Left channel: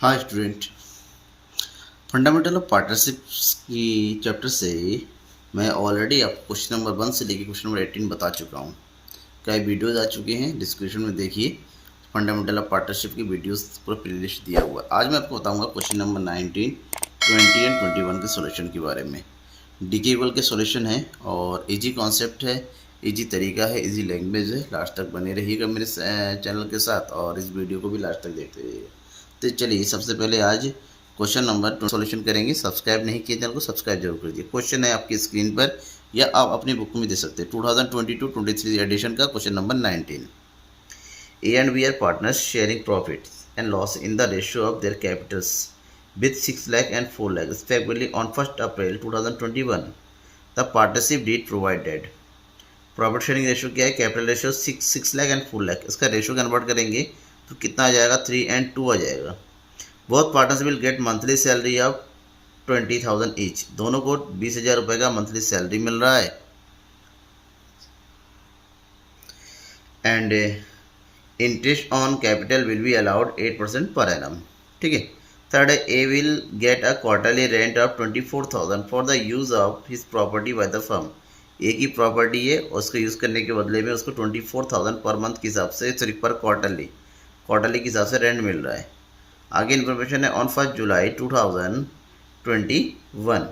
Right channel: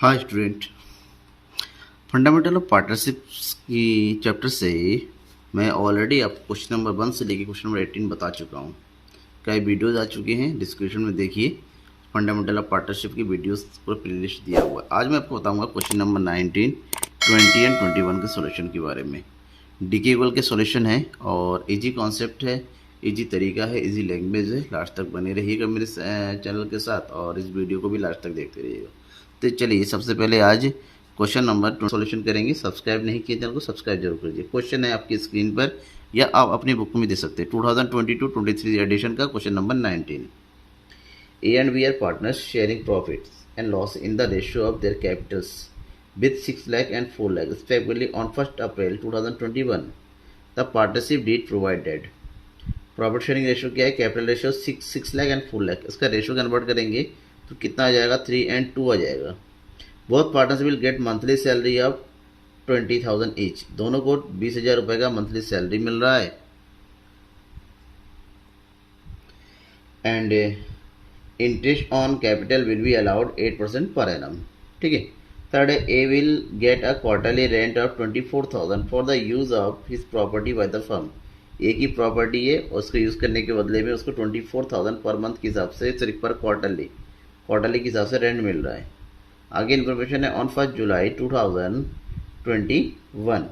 हाँ student, fundamental of partnerships की chapter से मैं ऑलरेडी आपको क्वेश्चन नंबर 1 से लेकर क्वेश्चन नंबर 18 बता चुका हूँ। कई वीडियोज़ आ चुके हैं, डिस्क्रिप्शन में देखिए। फंडामेंटल ऑफ पार्टनरशिप की वीडियोस पूरा प्लेलिस्ट दिया हुआ है। आज मैं आपको बताऊंगा क्वेश्चन नंबर 19, 20 एंड 21 के सॉल्यूशन के बारे में। डीके इक्वल के सॉल्यूशन है और इजी कॉन्सेप्ट है, इजी तरीका है, इजी लैंग्वेज है। लास्ट तक बने रहिएगा मेरे चैनल के साथ और इस वीडियो को भी लास्ट तक देखते रहिएगा। तो चलिए सबसे पहले आज क्वेश्चन नंबर 2 सॉल्यूशन करेंगे। सब्सक्राइब नहीं किए चैनल को सब्सक्राइब जरूर कीजिए। क्वेश्चन है आपकी स्क्रीन पर या आप अपनी बुक में दे सकते हैं। 2022-23 एडिशन का question number 19। A and B are partners sharing profits and loss in the ratio of their capitals with 6 lakh and 4 lakh respectively on 1st April 2021. The partnership deed provided. Profit sharing ratio क्या है? Capital ratio 6 lakh and 4 lakh. इसका ratio convert करेंगे तो कितना आ जाएगा? 3 and 2 आ जाएगा। Both partners will get monthly salary of 20,000 each. दोनों को 20,000 रुपये का मंथली सैलरी मिल रहा है। And interest on capital will be allowed 8% per annum. ठीक है। Third, A will get a quarterly rent of 24,000 for the use of his property by the firm. एक ही property है, उसको यूज़ करने के बदले में उसको 24,000 पर मंथ के हिसाब से, सिर्फ पर क्वार्टरली के हिसाब से रेंट मिल रहा है। आगे इन्फॉर्मेशन है on 1 July 2021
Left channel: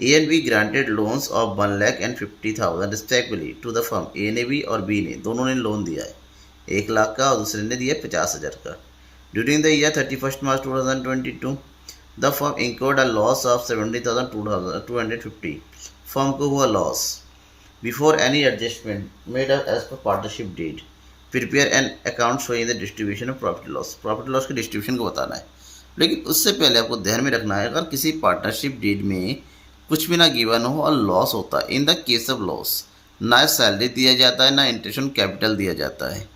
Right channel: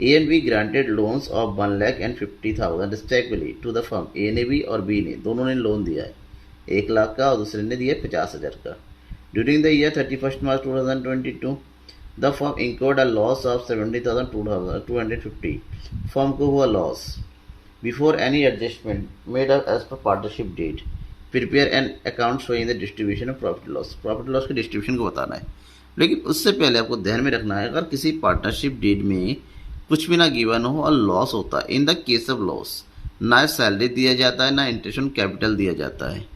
A and B granted loans of 1 lakh and 50,000 respectively to the firm. A ने भी और बी ने, दोनों ने लोन दिया है 1 लाख का और दूसरे ने दिया 50,000 का। During the year 31 March 2022 the firm incurred a loss of 70,250। फर्म को हुआ loss. Before any adjustment made as per partnership deed prepare an account showing the distribution of profit loss. Profit loss के डिस्ट्रीब्यूशन को बताना है। लेकिन उससे पहले आपको ध्यान में रखना है, अगर किसी पार्टनरशिप डीड में कुछ भी ना गिवन हो और लॉस होता है, in the case of loss ना सैलरी दिया जाता है ना इंटरेस्ट ऑन कैपिटल दिया जाता है।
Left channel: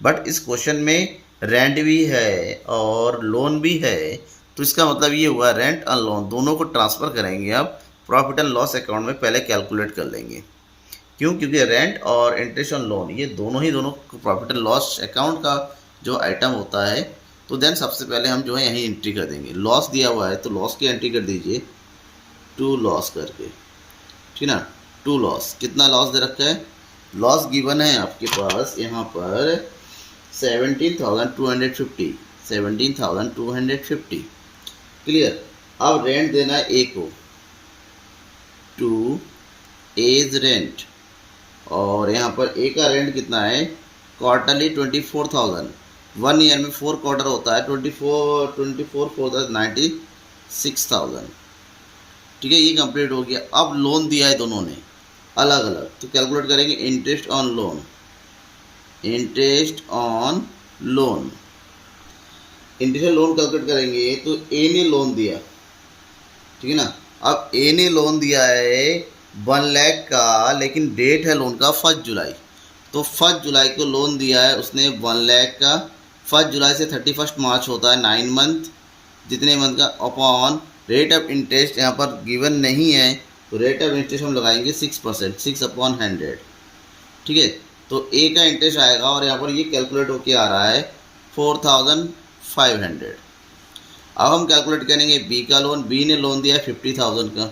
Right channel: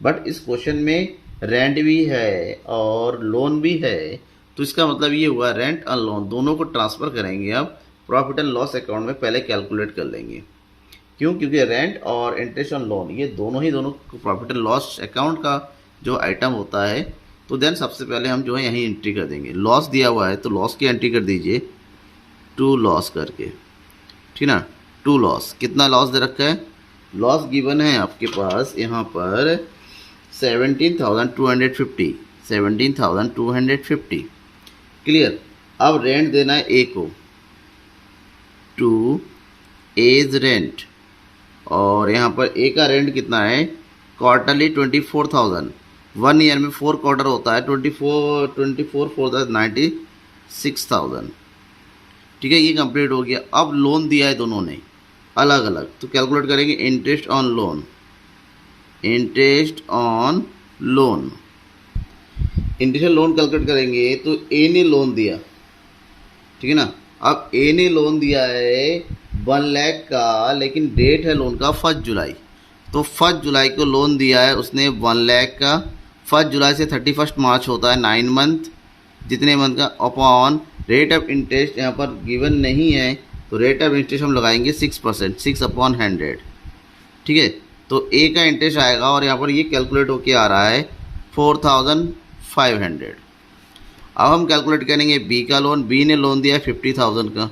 बट इस क्वेश्चन में रेंट भी है और लोन भी है, तो इसका मतलब ये हुआ रेंट और लोन दोनों को ट्रांसफ़र करेंगे। आप प्रॉफिट एंड लॉस अकाउंट में पहले कैलकुलेट कर लेंगे। क्यों? क्योंकि रेंट और इंटरेस्ट ऑन लोन ये दोनों प्रॉफिट एंड लॉस अकाउंट का जो आइटम होता है। तो देन सबसे पहले हम जो है यहीं एंट्री कर देंगे। लॉस दिया हुआ है तो लॉस की एंट्री कर दीजिए, टू लॉस करके। ठीक ना, टू लॉस। कितना लॉस दे रखा है? लॉस गिवन है आपके पास यहाँ पर 17,250। 17,250 क्लियर। अब रेंट देना है ए को, टू एज रेंट। और यहाँ पर ए का रेंट कितना है? क्वार्टरली 24,000। 1 ईयर में 4 क्वार्टर होता है। 24 4 96,000। ठीक है, ये कंप्लीट हो गया। अब लोन दिया है दोनों ने अलग अलग, तो कैलकुलेट करेंगे interest on loan. Interest on loan, interest on loan calculate करेंगे तो ए ने लोन दिया। ठीक है ना। अब ए ने लोन दिया है 1 लाख का, लेकिन डेट है लोन का 1 जुलाई। तो 1 जुलाई को लोन दिया है उसने 1 लाख का। 1 जुलाई से 31 मार्च होता है 9 मंथ, जितने मंथ का। अपॉन रेट ऑफ इंटरेस्ट यहाँ पर गिवन नहीं है, तो रेट ऑफ इंटरेस्ट हम लगाएंगे 6%, 6/100। ठीक है। तो ए का इंटरेस्ट आएगा और यहाँ पर ये कैलकुलेट होके आ रहा है 4,500। अब हम कैलकुलेट करेंगे बी का लोन। बी ने लोन दिया है 50,000 का।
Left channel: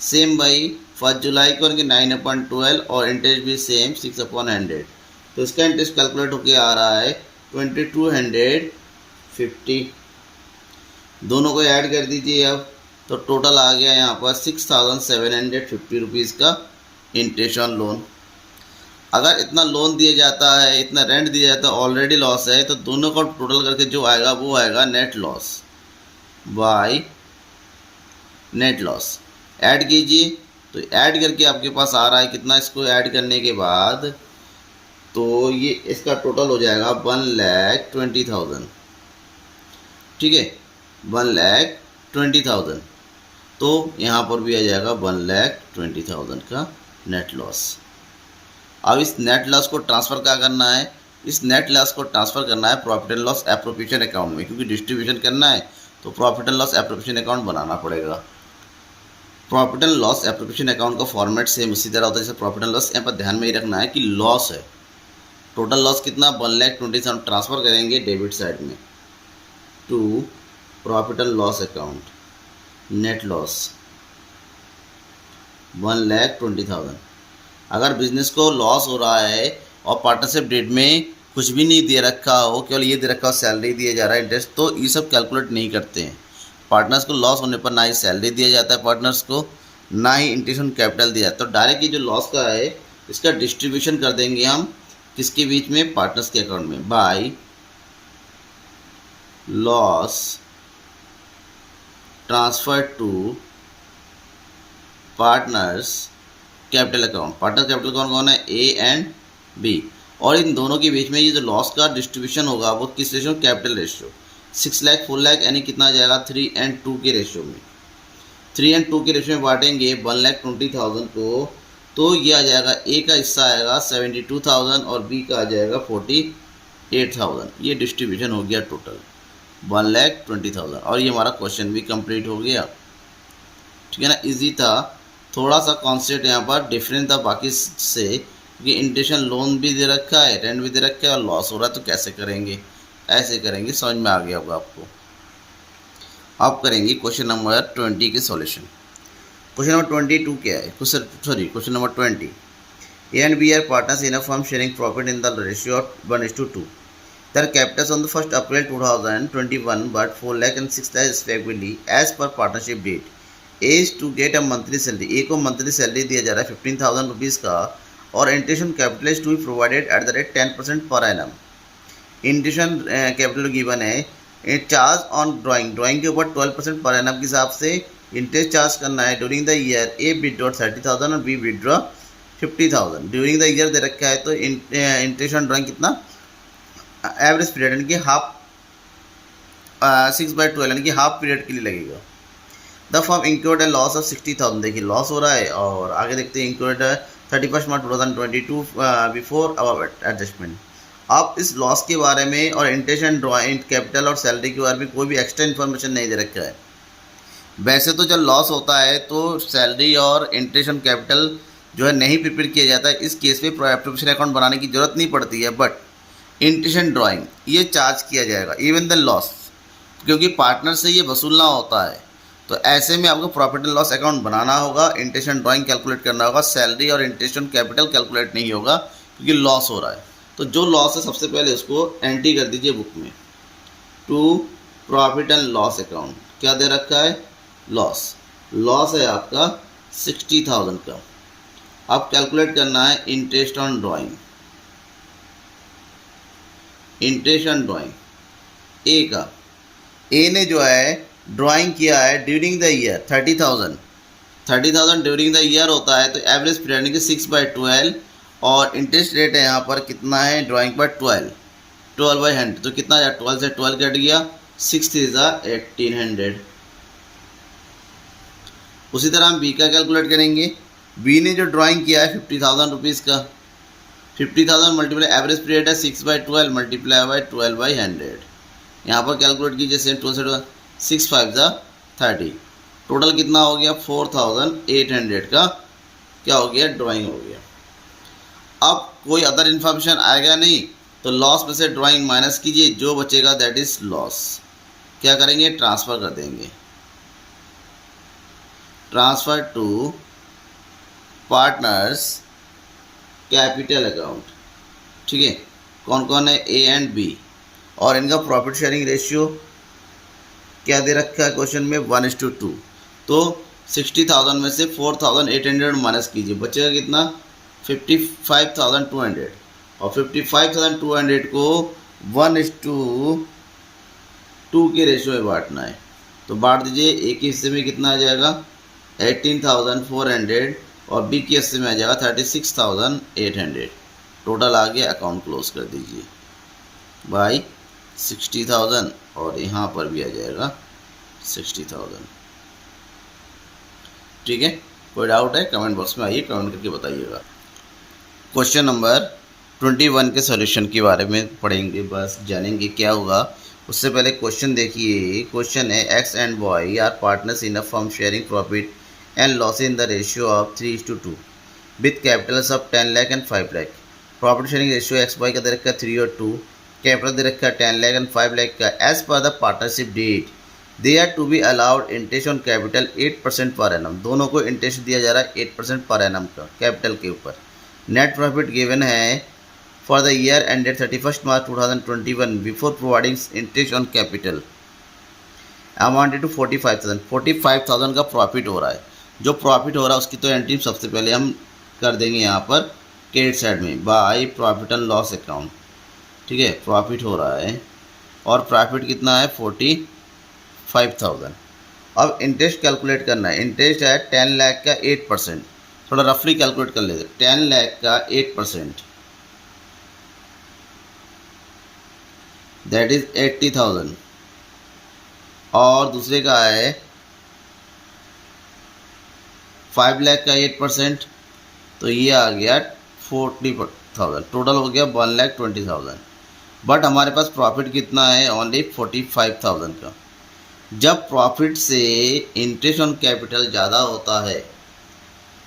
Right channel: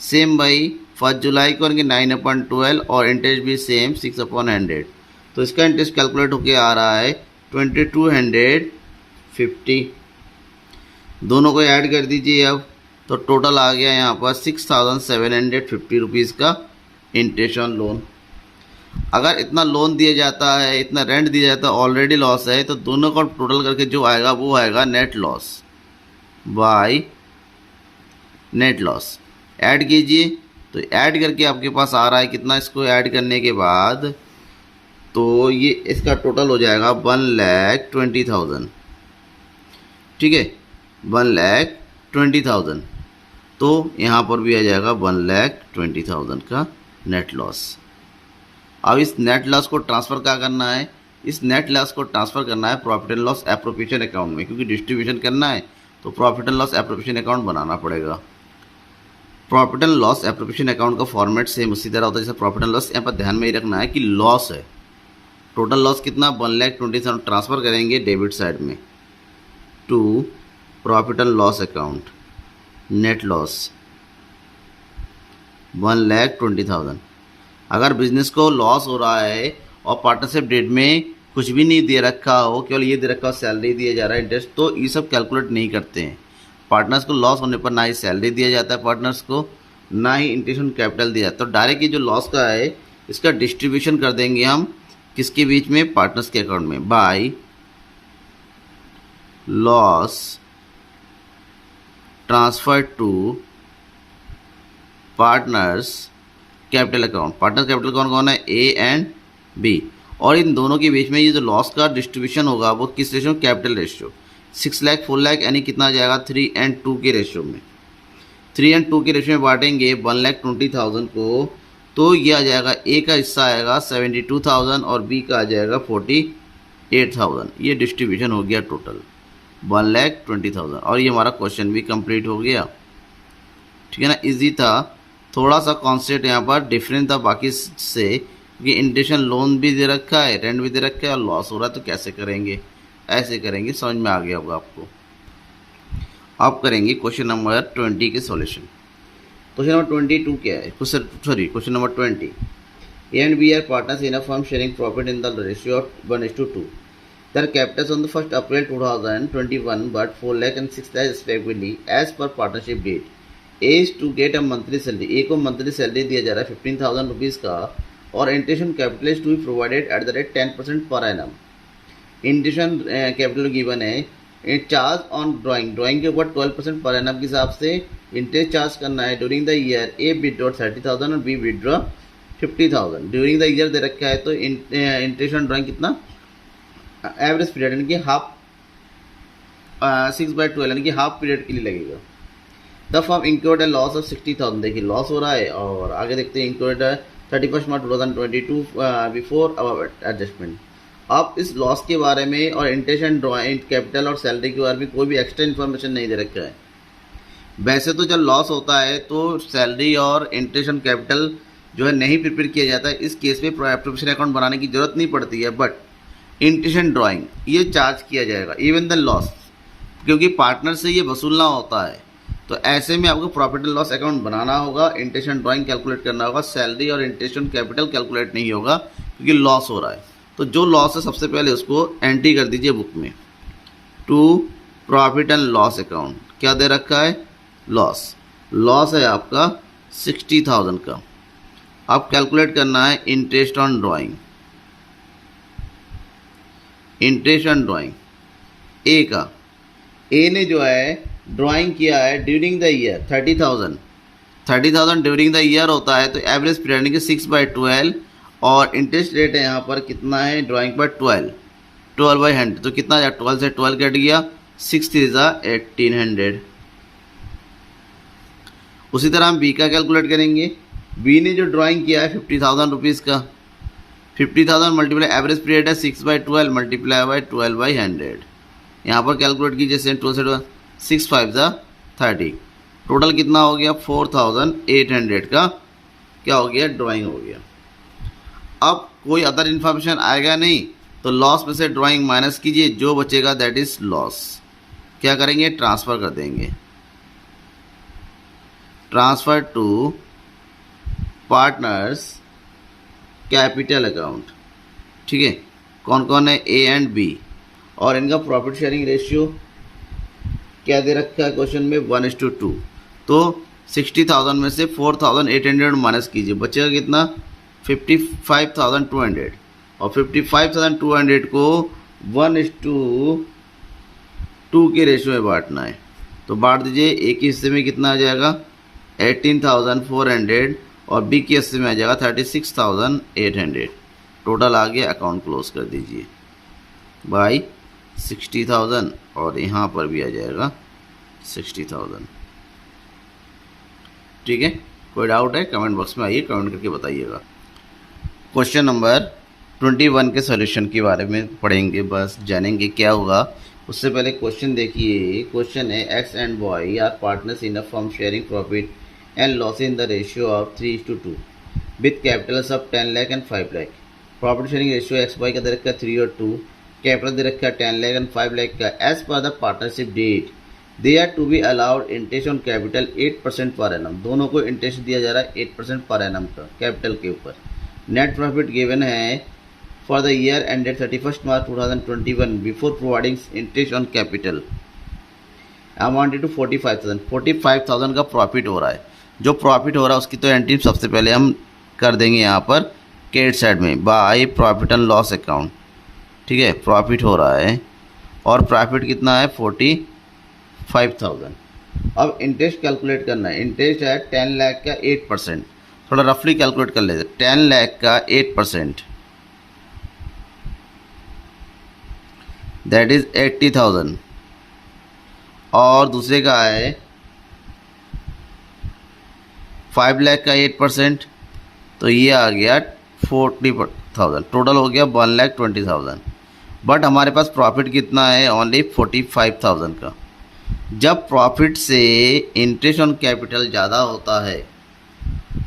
सेम भाई 1 जुलाई को करेंगे 9/12 और इंटरेस्ट भी सेम 6/100। तो इसका इंटरेस्ट कैलकुलेट होके आ रहा है 2,250। दोनों को ऐड कर दीजिए अब, तो टोटल आ गया यहाँ पर 6,750 रुपीज़ का इंटरेस्ट ऑन लोन। अगर इतना लोन दिया जाता है, इतना रेंट दिया जाता है, ऑलरेडी लॉस है, तो दोनों का टोटल करके जो आएगा वो आएगा net loss by net loss. Add कीजिए तो ऐड करके आपके पास आ रहा है कितना? इसको ऐड करने के बाद तो ये इसका टोटल हो जाएगा 1,20,000। ठीक है, 1,20,000। तो यहाँ पर भी आ जाएगा 1,20,000 का नेट लॉस। अब इस नेट लॉस को ट्रांसफ़र क्या करना है? इस नेट लॉस को ट्रांसफ़र करना है profit and loss appropriation account में, क्योंकि डिस्ट्रीब्यूशन करना है तो profit and loss appropriation account बनाना पड़ेगा। Profit and loss appropriation account का फॉर्मेट सेम उसी तरह होता है जैसे प्रॉफिट एंड लॉस। यहाँ पर ध्यान में ही रखना है कि लॉस है, टोटल लॉस कितना? 1,20,000 ट्रांसफ़र करेंगे डेबिट साइड में to profit and loss account, net loss 1,20,000। अगर बिजनेस को लॉस हो रहा है और पार्टनरशिप डेट में कुछ भी नहीं दे रखा हो, केवल ये दे रखा हो सैलरी दिया जा रहा है, इंटरेस्ट, तो ये सब कैलकुलेट नहीं करते हैं। पार्टनर्स को लॉस होने पर ना ही सैलरी दिया जाता है पार्टनर्स को, ना ही इंटेंशन कैपिटल दिया जाता है। तो डायरेक्ट ये जो लॉस का है इसका डिस्ट्रीब्यूशन कर देंगे हम किसके बीच में, पार्टनर्स के अकाउंट में, by loss transfer to partners capital account. Partner capital कौन कौन है, ए एंड बी, और इन दोनों के बीच में ये जो लॉस का डिस्ट्रीब्यूशन होगा वो किस ratio, capital ratio. 6 lakh 4 lakh यानी कितना आ जाएगा, 3:2 के रेशियो में। 3:2 के रेशियो में बांटेंगे 1,20,000 को, तो ये आ जाएगा, ए का हिस्सा आएगा 72,000 और बी का आ जाएगा 48,000। ये डिस्ट्रीब्यूशन हो गया टोटल 1,20,000, और ये हमारा क्वेश्चन भी कंप्लीट हो गया। ठीक है ना, इजी था। थोड़ा सा कॉन्सेप्ट यहाँ पर डिफरेंट था बाकी से, क्योंकि इंटेंशन लोन भी दे रखा है, रेंट भी दे रखा है, और लॉस हो रहा है, तो कैसे करेंगे, ऐसे करेंगे, समझ में आ गया होगा आपको। आप करेंगे क्वेश्चन नंबर 20 के सॉल्यूशन। क्वेश्चन नंबर 22 क्या है, question number 20, A and B are partners in a firm sharing profit in the ratio of 1:2। Their capitals on the 1st April 2021 but 4 lakh and 6 lakh respectively as per partnership date. A is to get a monthly salary. A को monthly salary दिया जा रहा है 15,000 rupees का, और intention capital is to be provided at the rate 10% per annum. Intention capital given है, charge on drawing के ऊपर 12% पर एनम के हिसाब से इंटरेस्ट चार्ज करना है। During the year A withdraw 30,000 और B withdraw 50,000। During the year दे रखा है, तो इंटेंशन ड्राइंग कितना, एवरेज पीरियड यानी कि हाफ 6/12 यानी कि हाफ पीरियड के लिए लगेगा। The firm incurred a loss of 60,000। देखिए लॉस हो रहा है, और आगे देखते हैं इंक्योर्ड 31 मार्च 2022 बिफोर एडजस्टमेंट। आप इस लॉस के बारे में और इंटेंशन ड्राइंग कैपिटल और सैलरी के बारे में कोई भी एक्स्ट्रा इन्फॉर्मेशन नहीं दे रखा है। वैसे तो जब लॉस होता है तो सैलरी और इंटेंशन कैपिटल जो है नहीं प्रिपेयर किया जाता है, इस केस में प्रोफेशनल अकाउंट बनाने की जरूरत नहीं पड़ती है, बट इंटेंशन ड्राइंग ये चार्ज किया जाएगा इवन द लॉस, क्योंकि पार्टनर से ये वसूलना होता है। तो ऐसे में आपको प्रॉफिट एंड लॉस अकाउंट बनाना होगा, इंटेंशन ड्राइंग कैलकुलेट करना होगा, सैलरी और इंटेंशन कैपिटल कैलकुलेट नहीं होगा क्योंकि लॉस हो रहा है। तो जो लॉस है सबसे पहले उसको एंट्री कर दीजिए बुक में, to profit and loss account. क्या दे रखा है, लॉस है आपका 60,000 का। अब कैलकुलेट करना है interest on drawing, interest on drawing ए का। ए ने जो है ड्राइंग किया है during the year 30,000 during the year होता है, तो एवरेज पीरियड यानी कि 6/12, और इंटरेस्ट रेट है यहाँ पर कितना है, ड्राइंग पर 12/100, तो कितना है, 12 से 12 कट गया, 6 3 1800। उसी तरह हम बी का कैलकुलेट करेंगे। बी ने जो ड्राइंग किया है 50,000 रुपीज़ का, 50,000 मल्टीप्लाई एवरेज पीरियड है 6/12 मल्टीप्लाई बाई 12/100। यहाँ पर कैलकुलेट कीजिए, 12 से 6 5 30, टोटल कितना हो गया 4,800 का क्या हो गया, ड्राइंग हो गया। अब कोई अदर इन्फॉर्मेशन आएगा नहीं, तो लॉस में से ड्राइंग माइनस कीजिए, जो बचेगा दैट इज लॉस। क्या करेंगे, ट्रांसफ़र कर देंगे, transfer to partners capital account. ठीक है, कौन कौन है, ए एंड बी, और इनका प्रॉफिट शेयरिंग रेशियो क्या दे रखा है क्वेश्चन में, 1:2। तो 60,000 में से 4,800 माइनस कीजिए, बचेगा कितना, 55,200, और 55,200 को 1:2 के रेशियो में बांटना है। तो बांट दीजिए, ए के हिस्से में कितना आ जाएगा 18,400, और बी के हिस्से में आ जाएगा 36,800। टोटल आ गया, अकाउंट क्लोज कर दीजिए बाई 60,000, और यहाँ पर भी आ जाएगा 60,000। ठीक है, कोई डाउट है कमेंट बॉक्स में आइए, कमेंट करके बताइएगा। क्वेश्चन नंबर 21 के सॉल्यूशन के बारे में पढ़ेंगे, बस जानेंगे क्या होगा। उससे पहले क्वेश्चन देखिए। क्वेश्चन है, X and Y are partners in a firm sharing profit and loss in the ratio of 3:2 with capitals of 10 lakh and 5 lakh। Profit sharing ratio X Y का दे रखा है 3 और 2, कैपिटल दे रखा है 10 लाख एंड 5 लाख का। As per the partnership deed, they are to be allowed interest on capital 8% per annum, दोनों को इंटरेस्ट दिया जा रहा है 8% पर एनम का कैपिटल के ऊपर। नेट प्रॉफिट गिवन है for the year ended 31 March 2021 before providing interest on capital amounted to 45,000 का प्रॉफिट हो रहा है। जो प्रॉफिट हो रहा है उसकी तो एंट्री सबसे पहले हम कर देंगे यहाँ पर क्रेडिट साइड में by profit and loss account. ठीक है, प्रॉफिट हो रहा है और प्रॉफिट कितना है 45,000। अब इंटरेस्ट कैलकुलेट करना है। इंटरेस्ट है 10 लाख का 8%, थोड़ा रफली कैलकुलेट कर लेते। 10 लाख का 8% दैट इज 80,000 और दूसरे का है 5 लाख का 8%, तो ये आ गया 40,000, टोटल हो गया 1,20,000। बट हमारे पास प्रॉफिट कितना है ओनली 45,000 का। जब प्रॉफिट से इंटरेस्ट ऑन कैपिटल ज़्यादा होता है,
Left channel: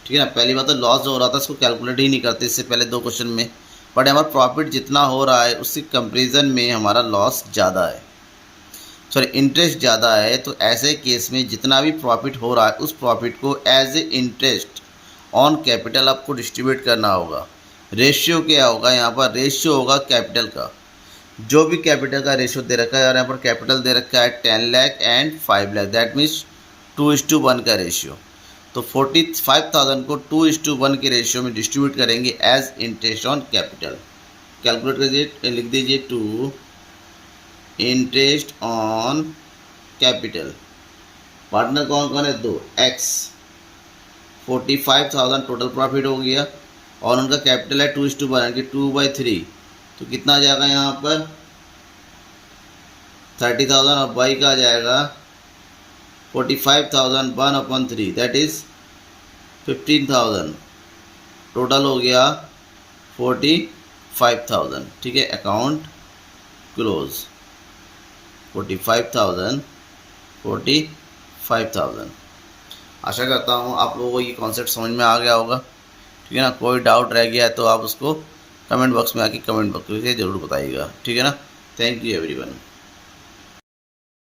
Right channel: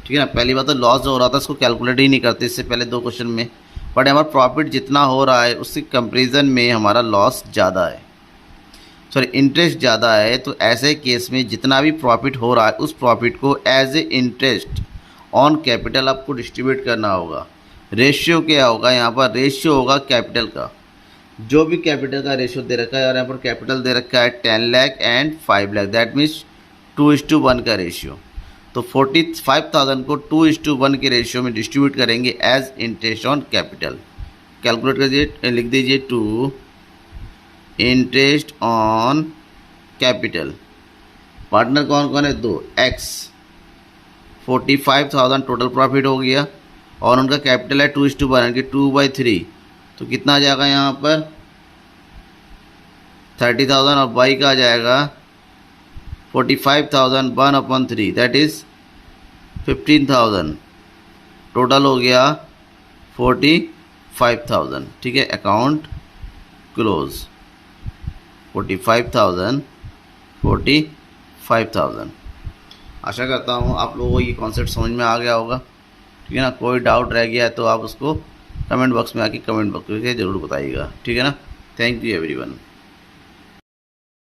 ठीक है ना, पहली बात तो लॉस जो हो रहा था इसको कैलकुलेट ही नहीं करते इससे पहले 2 क्वेश्चन में, बट हमारा प्रॉफिट जितना हो रहा है उसके कंपेरिजन में हमारा लॉस ज़्यादा है, सॉरी इंटरेस्ट ज़्यादा है। तो ऐसे केस में जितना भी प्रॉफिट हो रहा है उस प्रॉफिट को as a interest on capital आपको डिस्ट्रीब्यूट करना होगा। रेशियो क्या होगा यहाँ पर? रेशियो होगा कैपिटल का, जो भी कैपिटल का रेशियो दे रखा है और यहाँ पर कैपिटल दे रखा है 10 lakh and 5 lakh, that means 2:1 का रेशियो। तो 45,000 को 2:1 के रेशियो में डिस्ट्रीब्यूट करेंगे as interest on capital. Calculate कर दीजिए, लिख दीजिए 2 इंटरेस्ट ऑन कैपिटल। पार्टनर कौन कौन है? 2 एक्स। 45,000 टोटल प्रॉफिट हो गया और उनका कैपिटल है 2:1 यानी कि 2/3, तो कितना आ जाएगा यहाँ पर 30,000 और बाई का आ जाएगा 45,000 1/3 दैट इज 15,000, टोटल हो गया 45,000। ठीक है, अकाउंट क्लोज। 45,000। आशा करता हूँ आप लोगों को ये कॉन्सेप्ट समझ में आ गया होगा। ठीक है ना, कोई डाउट रह गया तो आप उसको कमेंट बॉक्स में आके कमेंट बॉक्स में ज़रूर बताइएगा। ठीक है ना, थैंक यू एवरीवन।